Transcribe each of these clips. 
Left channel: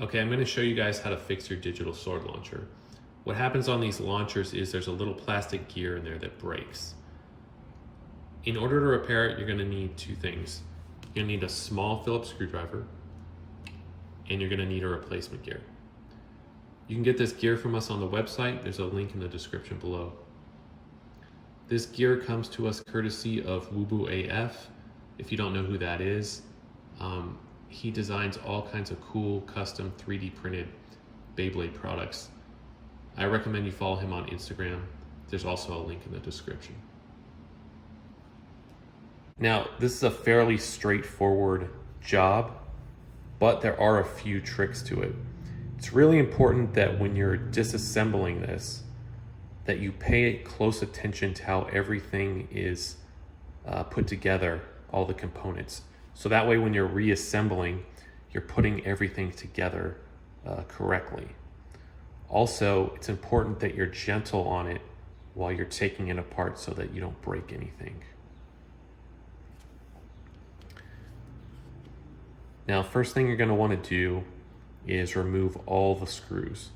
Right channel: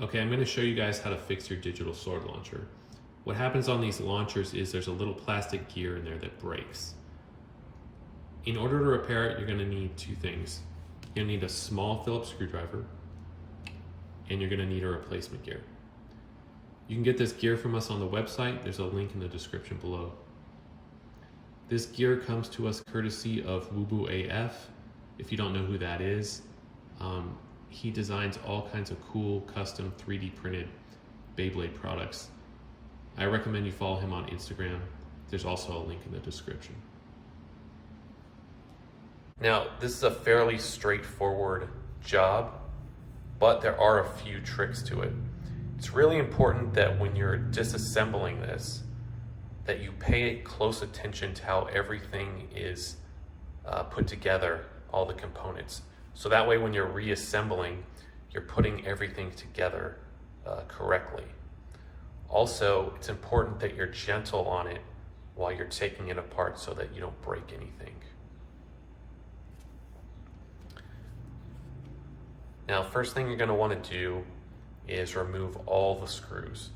Okay, I'm going to show you guys how to fix your digital sword launcher. What happens on these launchers is there's a little plastic gear in there that breaks. In order to repair it, you're going to need two things. You're going to need a small Phillips screwdriver, and you're going to need a replacement gear. You can get this gear from us on the website. There's a link in the description below. This gear comes to us courtesy of WooBoo AF. If you don't know who that is, he designs all kinds of cool custom 3D printed Beyblade products. I recommend you follow him on Instagram. There's also a link in the description. Now, this is a fairly straightforward job, but there are a few tricks to it. It's really important that when you're disassembling this, that you pay close attention to how everything is put together, all the components. So that way when you're reassembling, you're putting everything together correctly. Also, it's important that you're gentle on it while you're taking it apart so that you don't break anything. Now, first thing you're going to want to do is remove all the screws.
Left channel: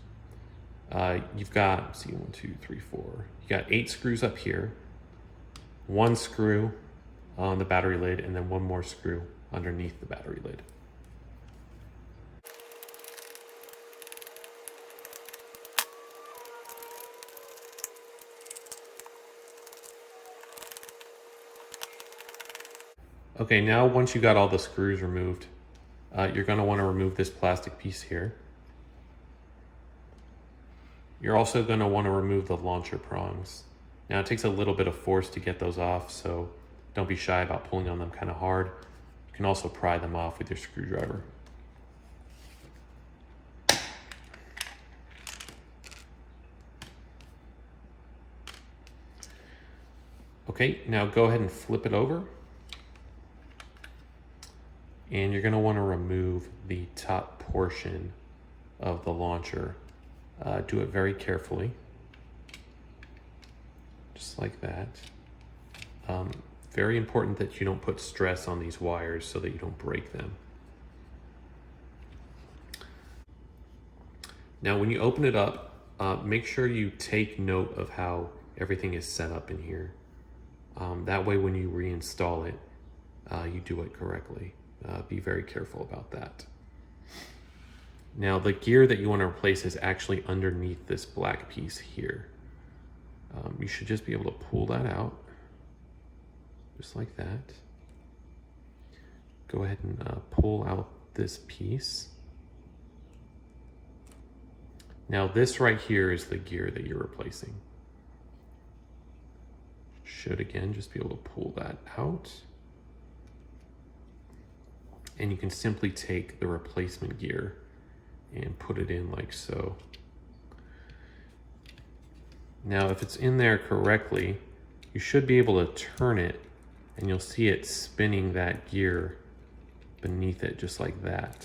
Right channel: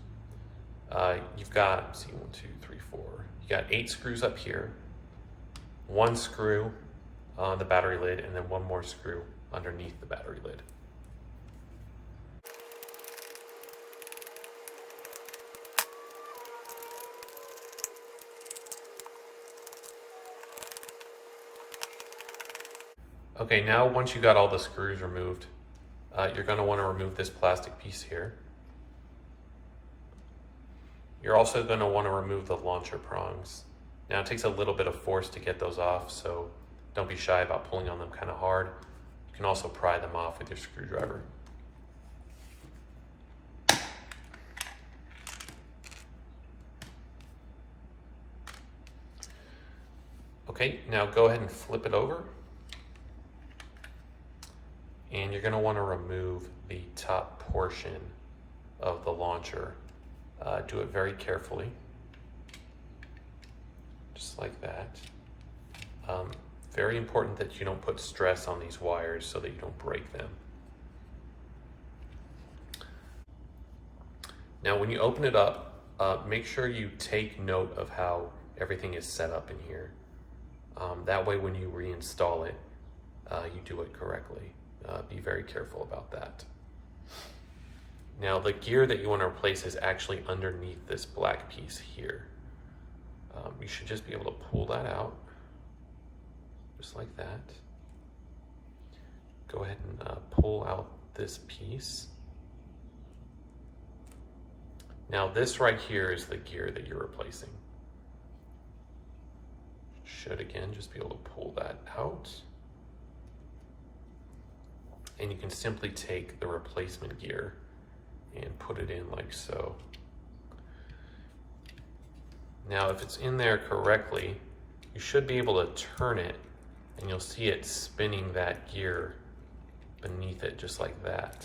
You've got, let's see, 1, 2, 3, 4. You got 8 screws up here, 1 screw on the battery lid, and then 1 more screw underneath the battery lid. Okay, now once you got all the screws removed, you're going to want to remove this plastic piece here. You're also going to want to remove the launcher prongs. Now it takes a little bit of force to get those off, so don't be shy about pulling on them kind of hard. You can also pry them off with your screwdriver. Okay, now go ahead and flip it over. And you're going to want to remove the top portion of the launcher. Do it very carefully, just like that. Very important that you don't put stress on these wires so that you don't break them. Now when you open it up, make sure you take note of how everything is set up in here. That way when you reinstall it, you do it correctly. Be very careful about that. Now the gear that you want to replace is actually underneath this black piece here. You should just be able to pull that out, just like that. Go ahead and pull out this piece. Now this right here is the gear that you're replacing. Should again just be able to pull that out. And you can simply take the replacement gear and put it in like so. Now if it's in there correctly, you should be able to turn it and you'll see it spinning that gear beneath it just like that.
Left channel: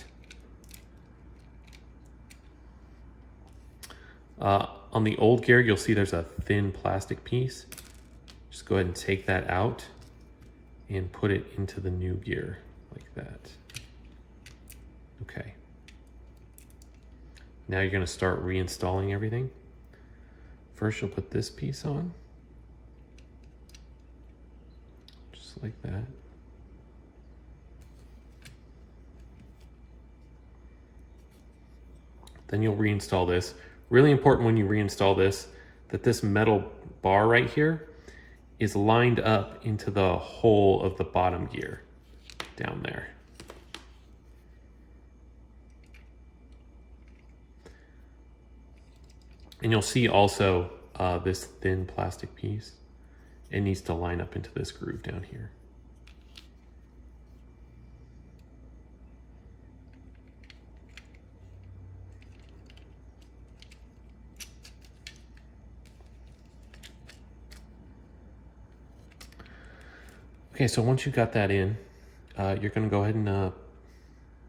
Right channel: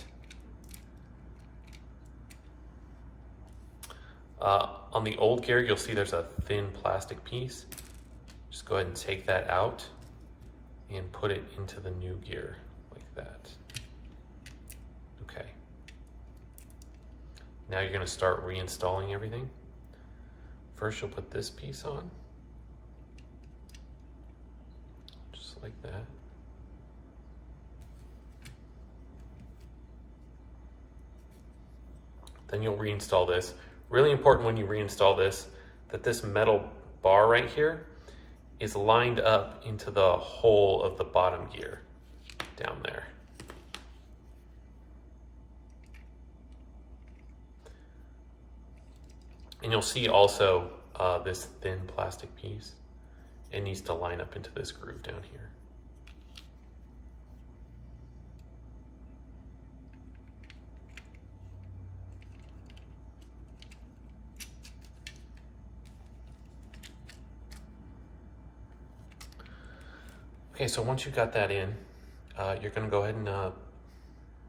On the old gear, you'll see there's a thin plastic piece. Just go ahead and take that out and put it into the new gear like that. Okay. Now you're going to start reinstalling everything. First you'll put this piece on, just like that. Then you'll reinstall this. Really important when you reinstall this, that this metal bar right here is lined up into the hole of the bottom gear down there. And you'll see also this thin plastic piece. It needs to line up into this groove down here. Okay, so once you got that in, you're gonna go ahead and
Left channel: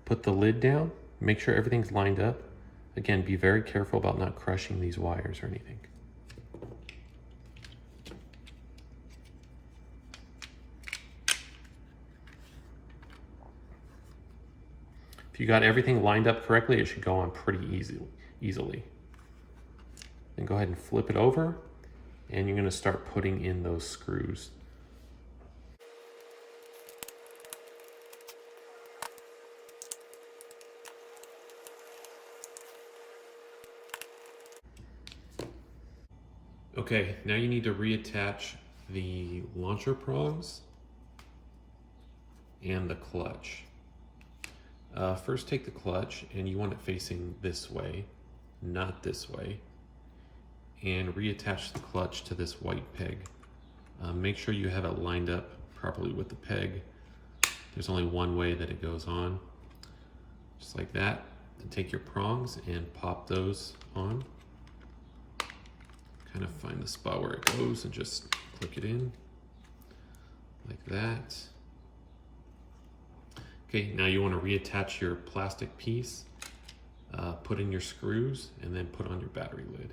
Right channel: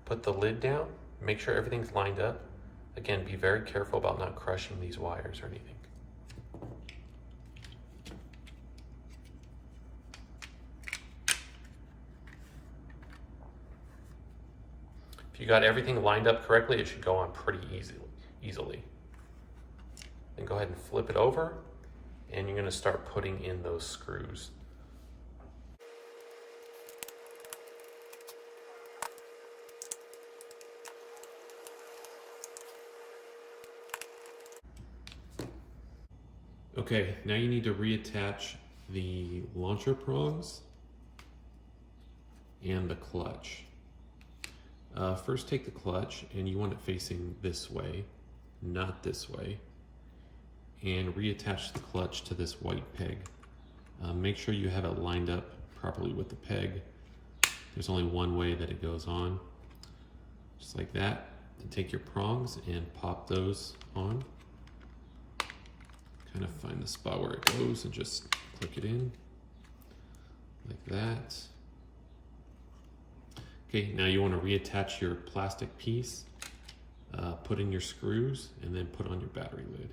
put the lid down, make sure everything's lined up. Again, be very careful about not crushing these wires or anything. If you got everything lined up correctly, it should go on pretty easily. Then go ahead and flip it over, and you're going to start putting in those screws. Okay, now you need to reattach the launcher prongs and the clutch. First take the clutch, and you want it facing this way, not this way, and reattach the clutch to this white peg. Make sure you have it lined up properly with the peg. There's only one way that it goes on, just like that. Then take your prongs and pop those on. Kind of find the spot where it goes and just click it in like that. Okay, now you want to reattach your plastic piece, put in your screws, and then put on your battery lid.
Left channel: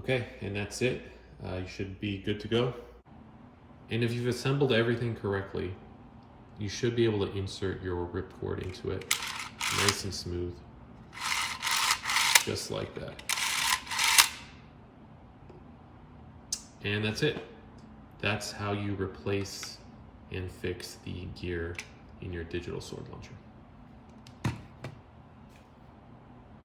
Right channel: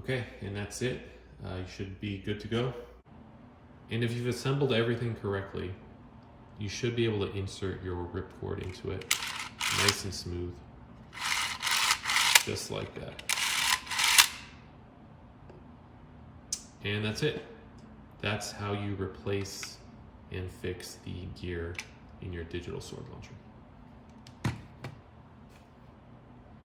Okay, and that's it. You should be good to go. And if you've assembled everything correctly, you should be able to insert your ripcord into it nice and smooth, just like that. And that's it. That's how you replace and fix the gear in your digital sword launcher.